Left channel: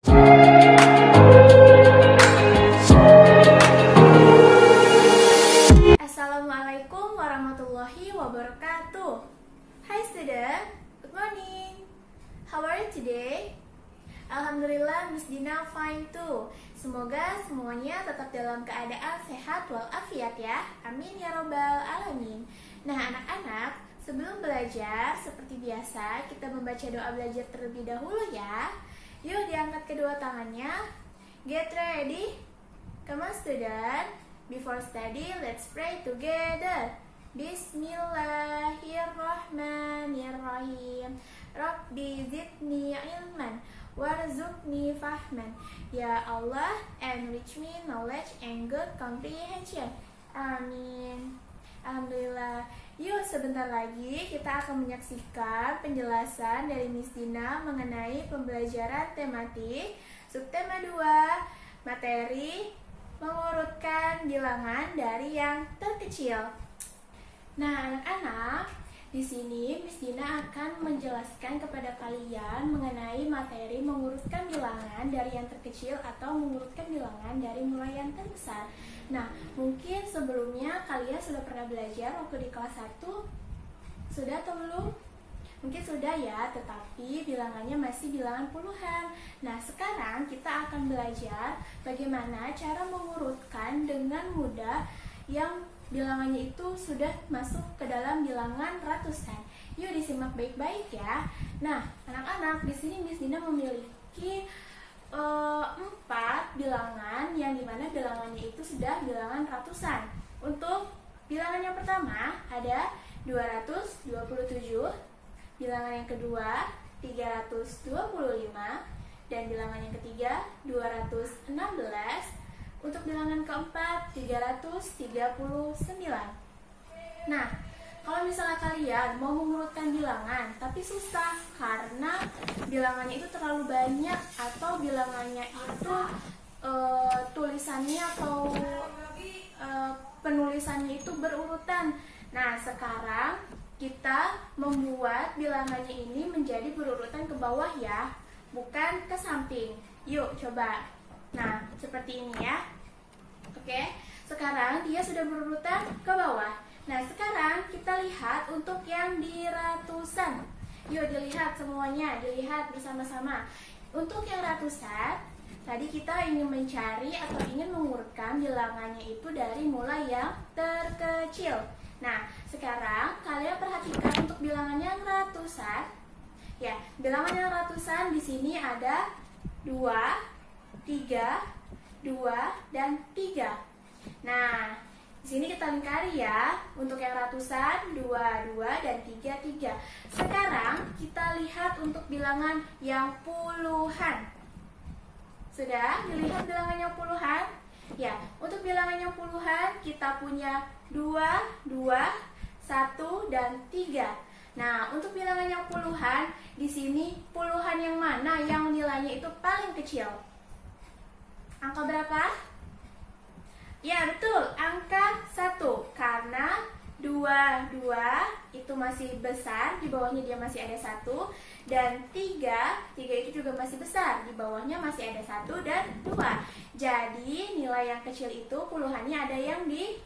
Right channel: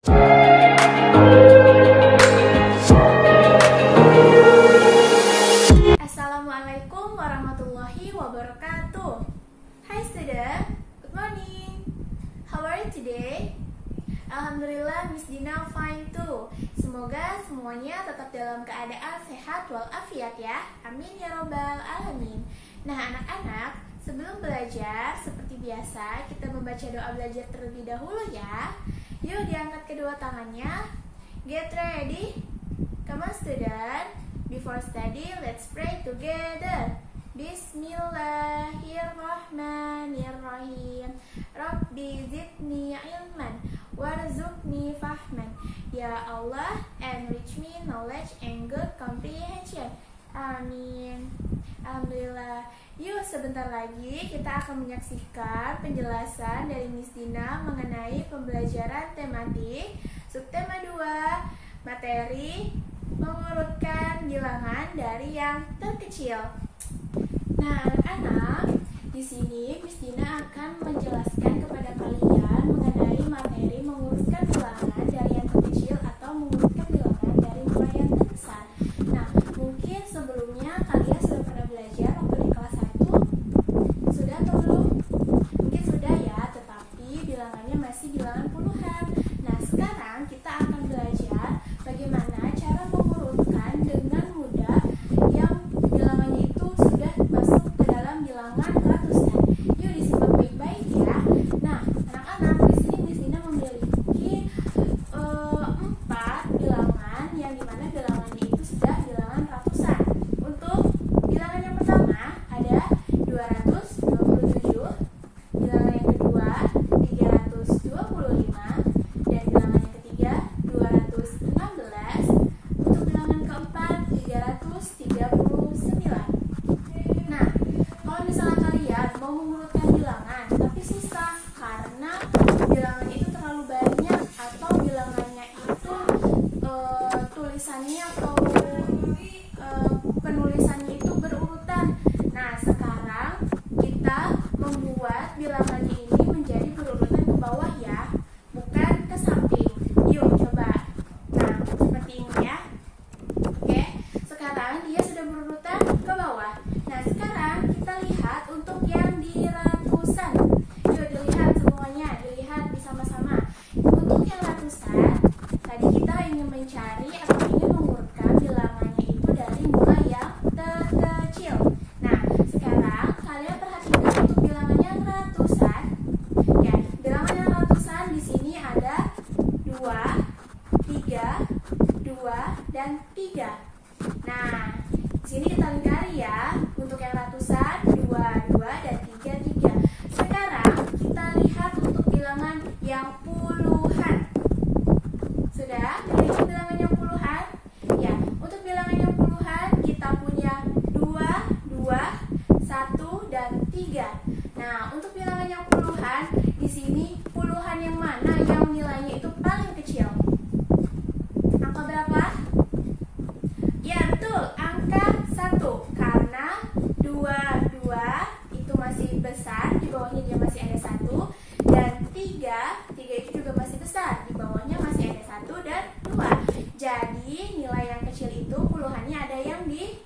Assalamualaikum warahmatullahi wabarakatuh. Hi student, good morning. How are you today? Alhamdulillah Miss Dina fine too. Semoga semuanya tetap dalam keadaan sehat walafiat ya. Amin ya robbal alamin. Nah anak-anak, sebelum belajar seperti biasa kita membaca doa belajar terlebih dahulu ya. Yuk diangkat kedua tangannya. Get ready. Come on student. Before study, let's pray together. Bismillahirrahmanirrahim. Rabbi zidni ilman warzuqni fahman. Ya Allah, enrich me knowledge and good comprehension. Amin. Alhamdulillah. Yuk sebentar lagi kita akan menyaksikan penjelasan dari Miss Dina mengenai pembelajaran tematik subtema 2 materi mengurutkan bilangan dari yang terkecil. Nah, anak-anak, di sini Miss Dina akan menjelaskan kepada kalian mengenai materi mengurutkan bilangan dari yang terkecil atau mengurutkan bilangan dari mulai yang terbesar. Nah, mungkin sebelumnya kalian sudah pernah belajar waktu di kelas 1? Sudah atau belum? Mungkin sudah ya, tetapi bilangannya masih bilangan puluhan. Nah, sekarang kita akan belajar bagaimana cara mengurutkan dengan mudah yang bilangannya itu sudah masuk ke dalam bilangan ratusan. Yuk disimak baik-baik ya. Nah, anak-anak, di sini Miss Dina memiliki 4 bilangan yang dimana bilangannya itu sudah bilangan ratusan. Untuk bilangan yang pertama ada 227, bilangan yang kedua 325, dan bilangan yang ketiga 216. Untuk bilangan keempat 339. Nah, kalau misalnya kalian mau mengurutkan bilangan tapi susah karena bilangannya itu terlalu banyak atau bilangannya itu tulisannya atau penulisannya itu berurutan. Nah, sekarang kita membuat bilangannya ini menjadi berurutan ke bawah ya, bukan ke samping. Yuk coba. Nah, seperti ini ya. Oke, sekarang dia sudah berurutan ke bawah. Nah, sekarang kita lihat untuk yang di ratusan. Yuk dilihat semuanya, dilihat bersama-sama. Untuk yang ratusan, tadi kita ingin mencari atau ingin mengurutkan bilangannya itu dari mulai yang terkecil. Nah, sekarang kalian perhatikan untuk bilangan yang ratusan. Ya, bilangan yang ratusan di sini ada 2, 3, 2, dan 3. Nah, di sini kita lingkari ya. Untuk yang ratusan 2, 2, dan 3, 3. Sekarang kita lihat untuk bilangan yang puluhan. Sudah dilihat bilangan yang puluhan? Ya, untuk bilangan yang puluhan kita punya 2, 2, 1, dan 3. Nah, untuk bilangan yang puluhan, di sini puluhan yang mana yang nilainya itu paling kecil? Angka berapa? Ya, betul, angka 1. Karena 2, 2 itu masih besar, di bawahnya dia masih ada 1. Dan 3 itu juga masih besar, di bawahnya masih ada 1 dan 2. Jadi, nilai yang kecil itu puluhannya ada yang di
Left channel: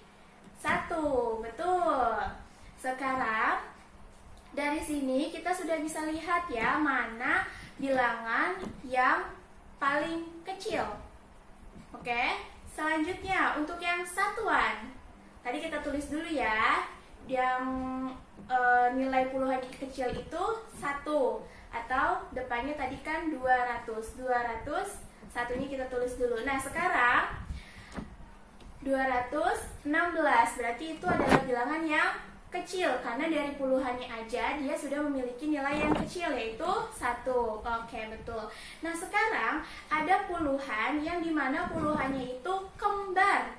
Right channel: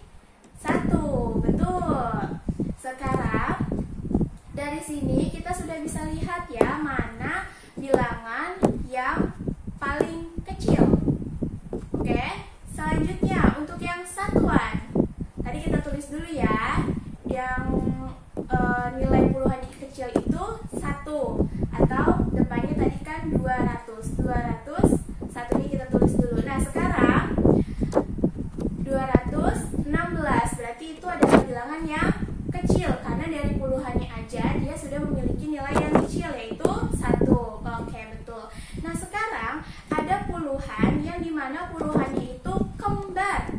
1. Betul. Sekarang, dari sini kita sudah bisa lihat ya, mana bilangan yang paling kecil. Oke, selanjutnya untuk yang satuan. Tadi kita tulis dulu ya, yang nilai puluhan kecil itu 1, atau depannya tadi kan 200. 200, satunya kita tulis dulu. Nah, sekarang 216, berarti itu adalah bilangan yang kecil karena dari puluhannya aja dia sudah memiliki nilai yang kecil, yaitu 1. Oke, betul. Nah, sekarang ada puluhan yang dimana puluhannya itu kembar.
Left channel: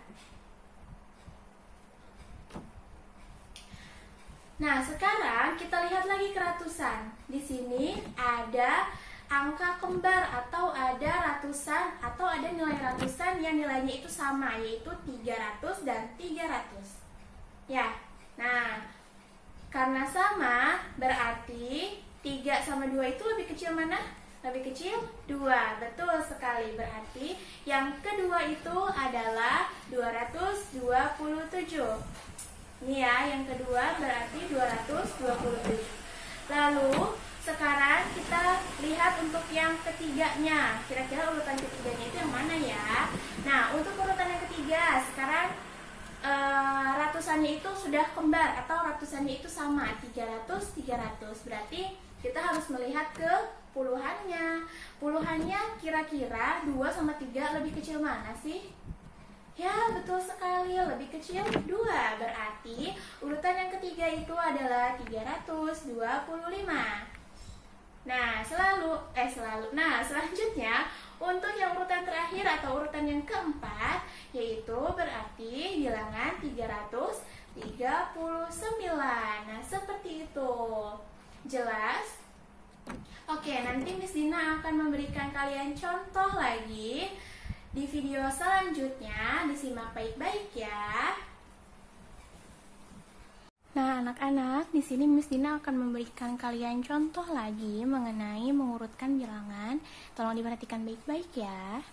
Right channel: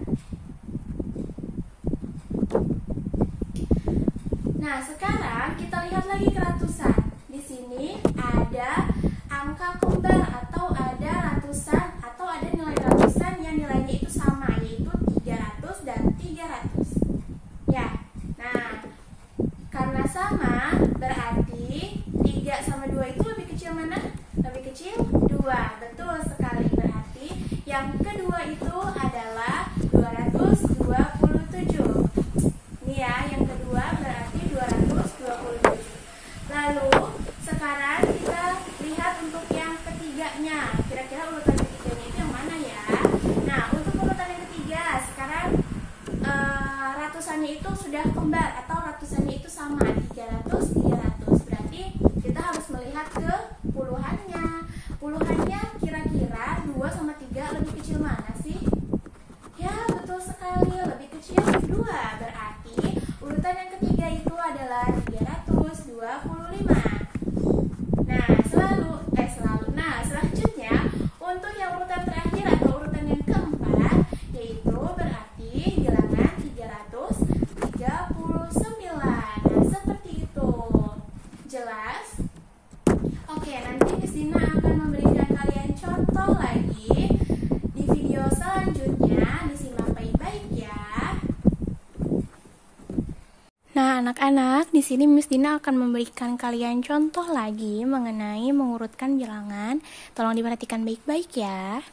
Nah, sekarang kita lihat lagi ke ratusan. Di sini ada angka kembar atau ada ratusan atau ada nilai ratusan yang nilainya itu sama, yaitu 300 dan 300. Ya. Nah, karena sama berarti 3 sama 2 itu lebih kecil mana? Lebih kecil 2. Betul yang kedua itu adalah 227. Ini ya, yang kedua berarti 227. Lalu sekarang kita lihat untuk yang ketiganya. Kira-kira urutan ketiganya itu yang mana ya? Nah, untuk urutan yang ketiga, sekarang ratusannya itu sudah kembar atau ratusannya itu sama, 300, 300. Berarti kita harus melihat ke puluhannya. Puluhannya kira-kira 2 sama 3 lebih kecil mana sih? Ya, betul sekali, lebih kecil 2. Berarti urutan yang ketiga itu adalah 325. Nah, selanjutnya untuk yang urutan terakhir atau urutan yang keempat, yaitu berarti bilangan 339. Nah, seperti itu. Jelas? Oke, nanti Miss Dina akan memberikan kalian contoh lagi di video selanjutnya. Disimak baik-baik ya. Nah, anak-anak, di sini Miss Dina akan memberikan kalian contoh lagi mengenai mengurutkan bilangan. Tolong diperhatikan baik-baik ya.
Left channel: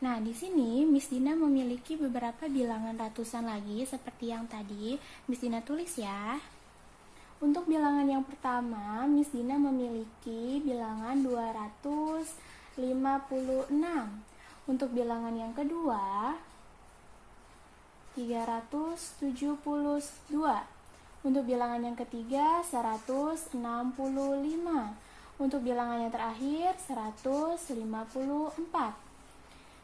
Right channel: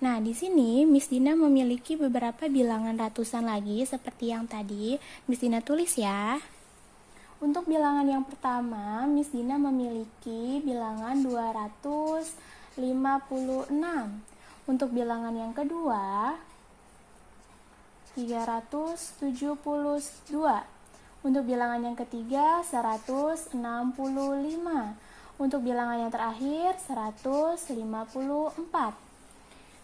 Nah, di sini Miss Dina memiliki beberapa bilangan ratusan lagi seperti yang tadi Miss Dina tulis ya. Untuk bilangan yang pertama, Miss Dina memiliki bilangan 256. Untuk bilangan yang kedua, 372. Untuk bilangan yang ketiga, 165. Untuk bilangan yang terakhir, 154.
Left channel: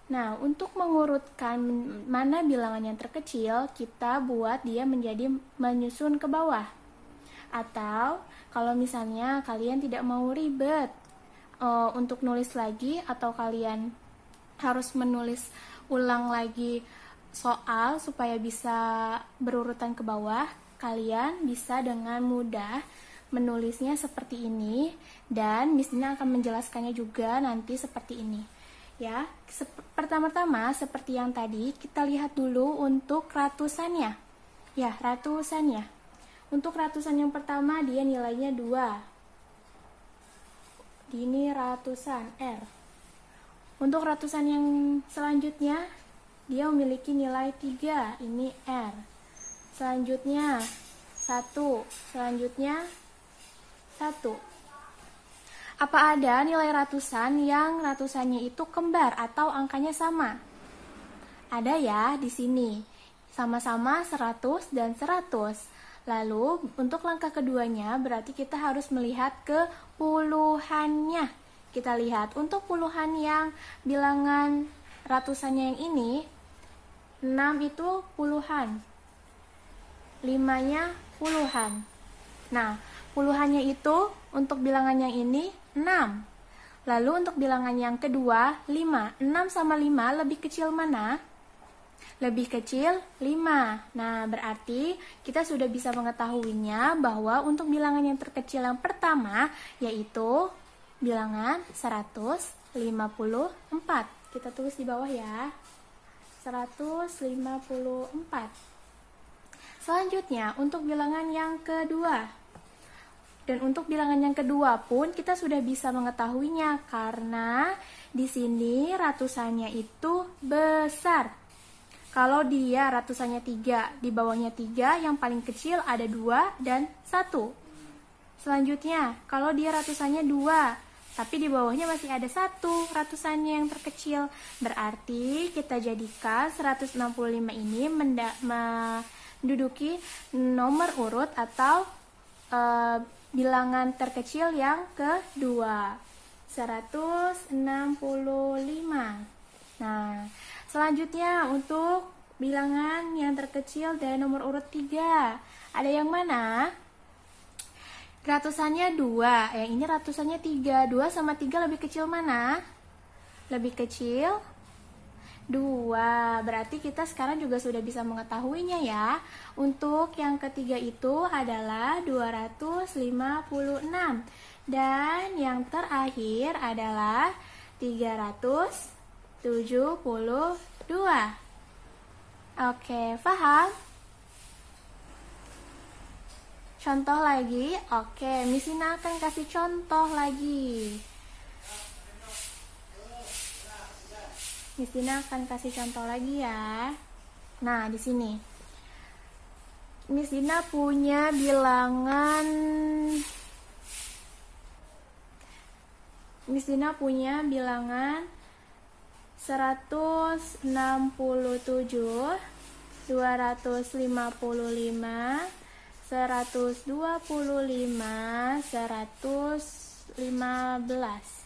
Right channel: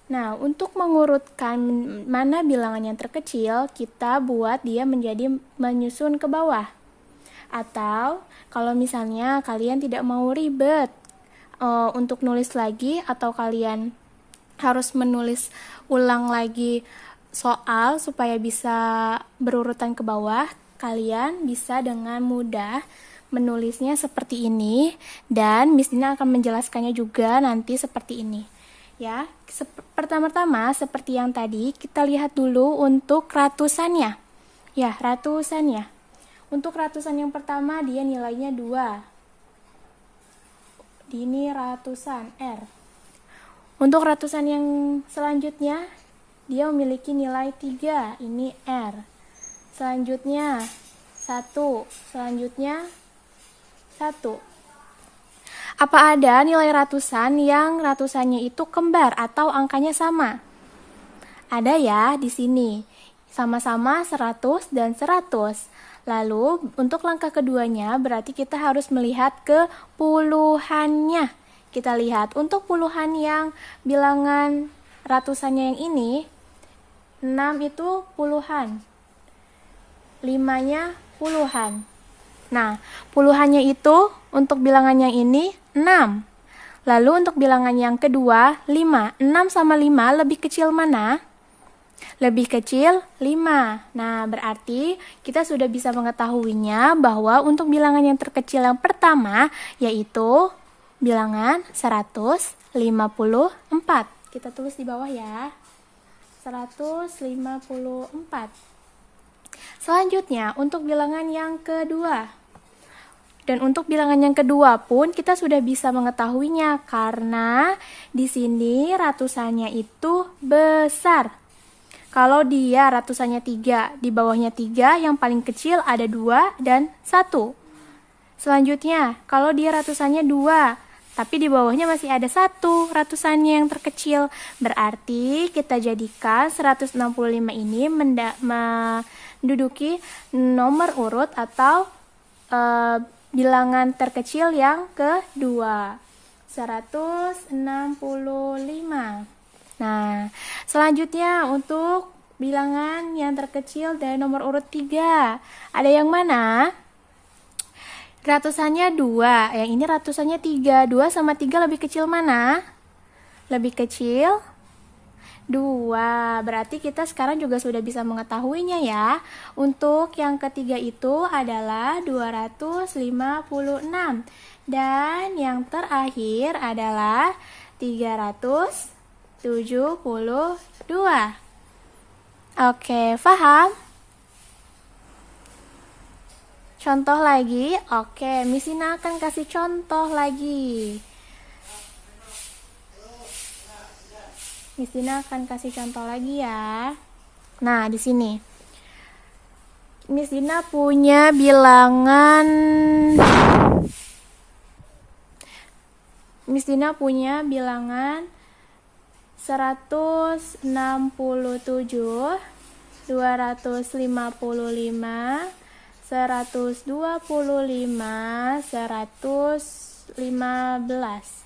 Nah, untuk mengurutkan mana bilangan yang terkecil, kita buat dia menjadi menyusun ke bawah. Atau, kalau misalnya kalian tidak mau ribet untuk nulis lagi, atau kalian harus menulis ulang lagi soal supaya bisa berurutan ke bawah, kalian bisa dengan mudah menulisnya seperti ini, dan Miss Dina akan menjelaskannya juga nanti seperti ini. Ya, pertama-tama seperti yang tadi, kita lihat dulu untuk ratusannya. Ya, ratusannya. Untuk ratusan yang pertama dia nilainya 2. Ini ratusan R. Untuk ratusan yang selanjutnya dia memiliki nilai 3. Ini R. Selanjutnya 1. Selanjutnya 1. Apa ada nilai ratusan yang ratusannya itu kembar atau angkanya sama? Ada ya di sini. Sama-sama 100 dan 100. Lalu untuk langkah keduanya berarti kita harus melihat ke puluhannya. Kita lihat untuk puluhan yang bilangan ratusannya yang ini, 6 itu puluhan, 5-nya puluhan. Nah, puluhannya itu untuk bilangan yang ini 6. Lalu untuk bilangan yang kedua 5. 6 sama 5 lebih kecil mana? Lebih kecil 5. Nah, berarti kita sudah bisa mengetahuinya bahwa untuk bilangan yang terkecil yang pertama yaitu bilangan 154. Kita tulis di bawah ya. 154. Selanjutnya untuk bilangan yang kedua. Dan untuk bilangan yang kedua pun kita sudah bisa mengetahuinya karena di sini ratusannya itu besar. Kalau dia ratusannya 3, di bawahnya 3, yang paling kecil ada 2 dan 1. Selanjutnya, kalau dia ratusannya 2, tapi di bawahnya masih ada 1 ratusannya yang terkecil, berarti kita jadikan 165 ini menduduki nomor urut atau bilangan terkecil yang kedua, 165. Nah, selanjutnya untuk bilangan yang terkecil dari nomor urut 3. Ada yang mana? Ratusannya 2, yang ini ratusannya 3. 2 sama 3 lebih kecil mana? Lebih kecil 2. Berarti kita sekarang juga sudah bisa mengetahuinya ya. Untuk yang ketiga itu adalah 256. Dan yang terakhir adalah 372. Oke, paham? Contoh lagi. Oke, Miss Ina akan kasih contoh lagi. Miss Dina akan kasih contoh lagi ya. Nah, di sini Miss Dina punya bilangan 167, 255, 125, 115.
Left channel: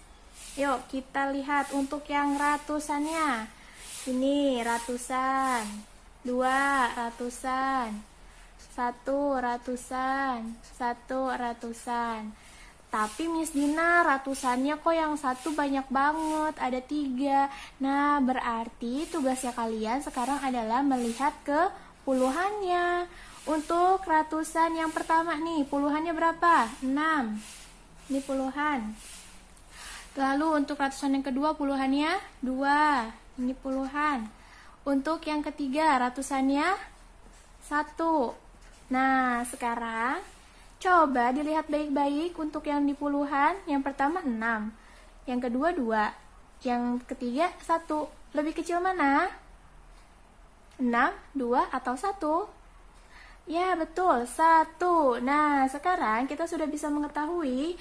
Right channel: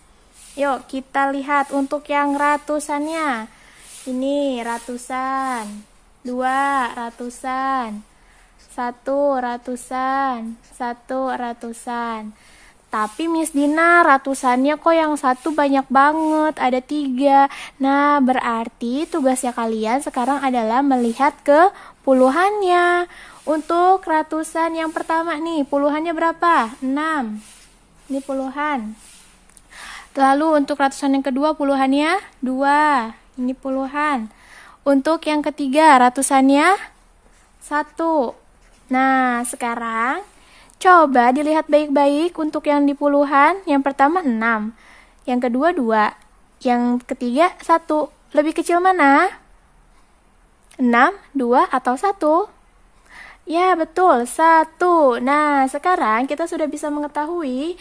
Yuk kita lihat untuk yang ratusannya. Ini ratusan, 2 ratusan, 1 ratusan, 1 ratusan. Tapi Miss Dina ratusannya kok yang satu banyak banget, ada 3. Nah, berarti tugasnya kalian sekarang adalah melihat ke puluhannya. Untuk ratusan yang pertama nih, puluhannya berapa? 6. Ini puluhan. Lalu untuk ratusan yang kedua, puluhannya 2. Ini puluhan. Untuk yang ketiga, ratusannya 1. Nah, sekarang coba dilihat baik-baik untuk yang di puluhan. Yang pertama 6, yang kedua 2, yang ketiga 1. Lebih kecil mana? 6, 2, atau 1? Ya, betul, 1. Nah, sekarang kita sudah bisa mengetahui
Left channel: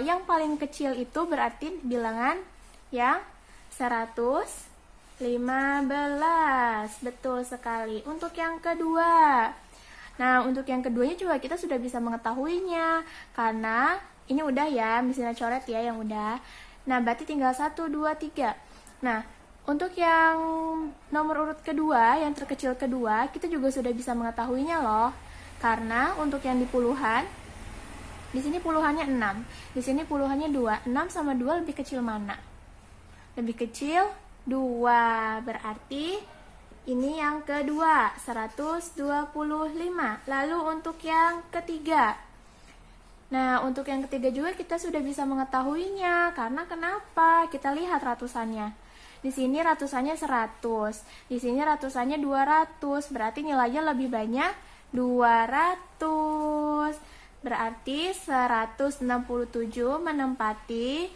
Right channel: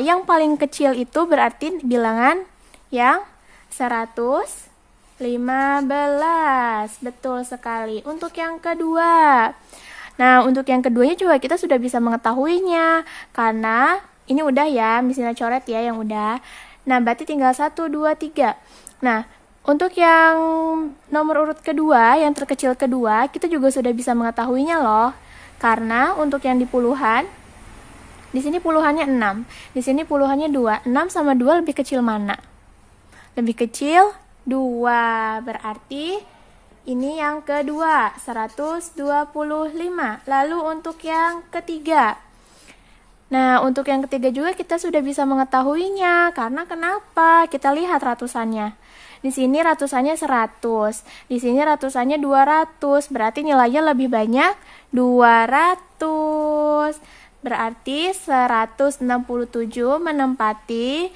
yang paling kecil itu berarti bilangan yang 115. Betul sekali. Untuk yang kedua. Nah, untuk yang keduanya juga kita sudah bisa mengetahuinya. Karena ini udah ya, misalnya coret ya yang udah. Nah, berarti tinggal 1, 2, 3. Nah, untuk yang nomor urut kedua, yang terkecil kedua, kita juga sudah bisa mengetahuinya loh. Karena untuk yang di puluhan, di sini puluhannya 6, di sini puluhannya 2. 6 sama 2 lebih kecil mana? Lebih kecil 2. Berarti ini yang kedua, 125. Lalu untuk yang ketiga. Nah, untuk yang ketiga juga kita sudah bisa mengetahuinya. Karena kenapa? Kita lihat ratusannya. Di sini ratusannya 100, di sini ratusannya 200, berarti nilainya lebih banyak 200. Berarti 167 menempati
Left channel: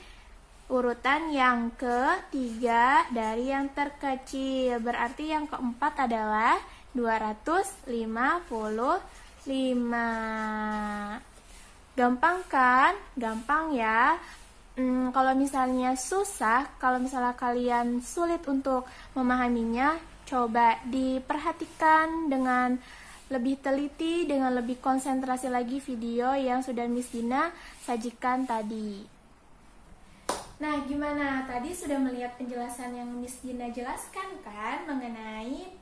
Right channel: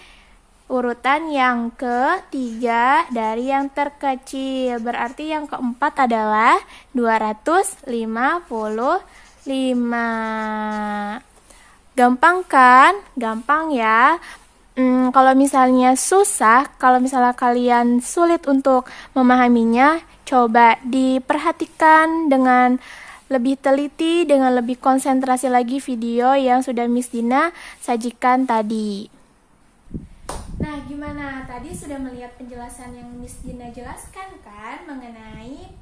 urutan yang ketiga dari yang terkecil. Berarti yang keempat adalah 255. Gampang kan? Gampang ya. Kalau misalnya susah, kalau misalnya kalian sulit untuk memahaminya, coba diperhatikan dengan lebih teliti, dengan lebih konsentrasi lagi video yang sudah Miss Dina sajikan tadi. Nah, gimana? Tadi sudah melihat penjelasan yang Miss Dina jelaskan kan mengenai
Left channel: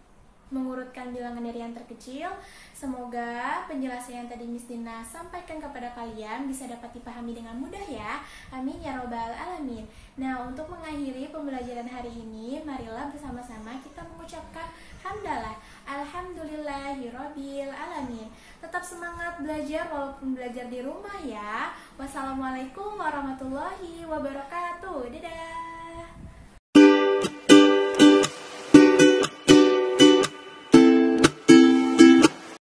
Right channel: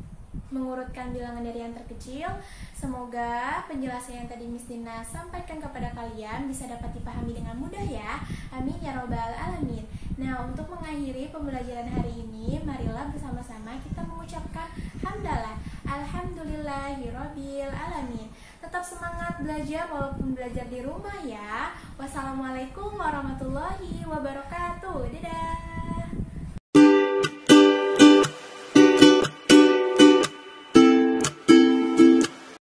mengurutkan bilangan dari yang terkecil. Semoga penjelasan yang tadi Miss Dina sampaikan kepada kalian bisa dapat dipahami dengan mudah ya. Amin ya robbal alamin. Nah, untuk mengakhiri pembelajaran hari ini, marilah bersama-sama kita mengucapkan hamdalah alhamdulillahirabbil alamin. Tetap semangat belajar walaupun belajar di rumah ya. Wassalamualaikum warahmatullahi wabarakatuh. Dadah.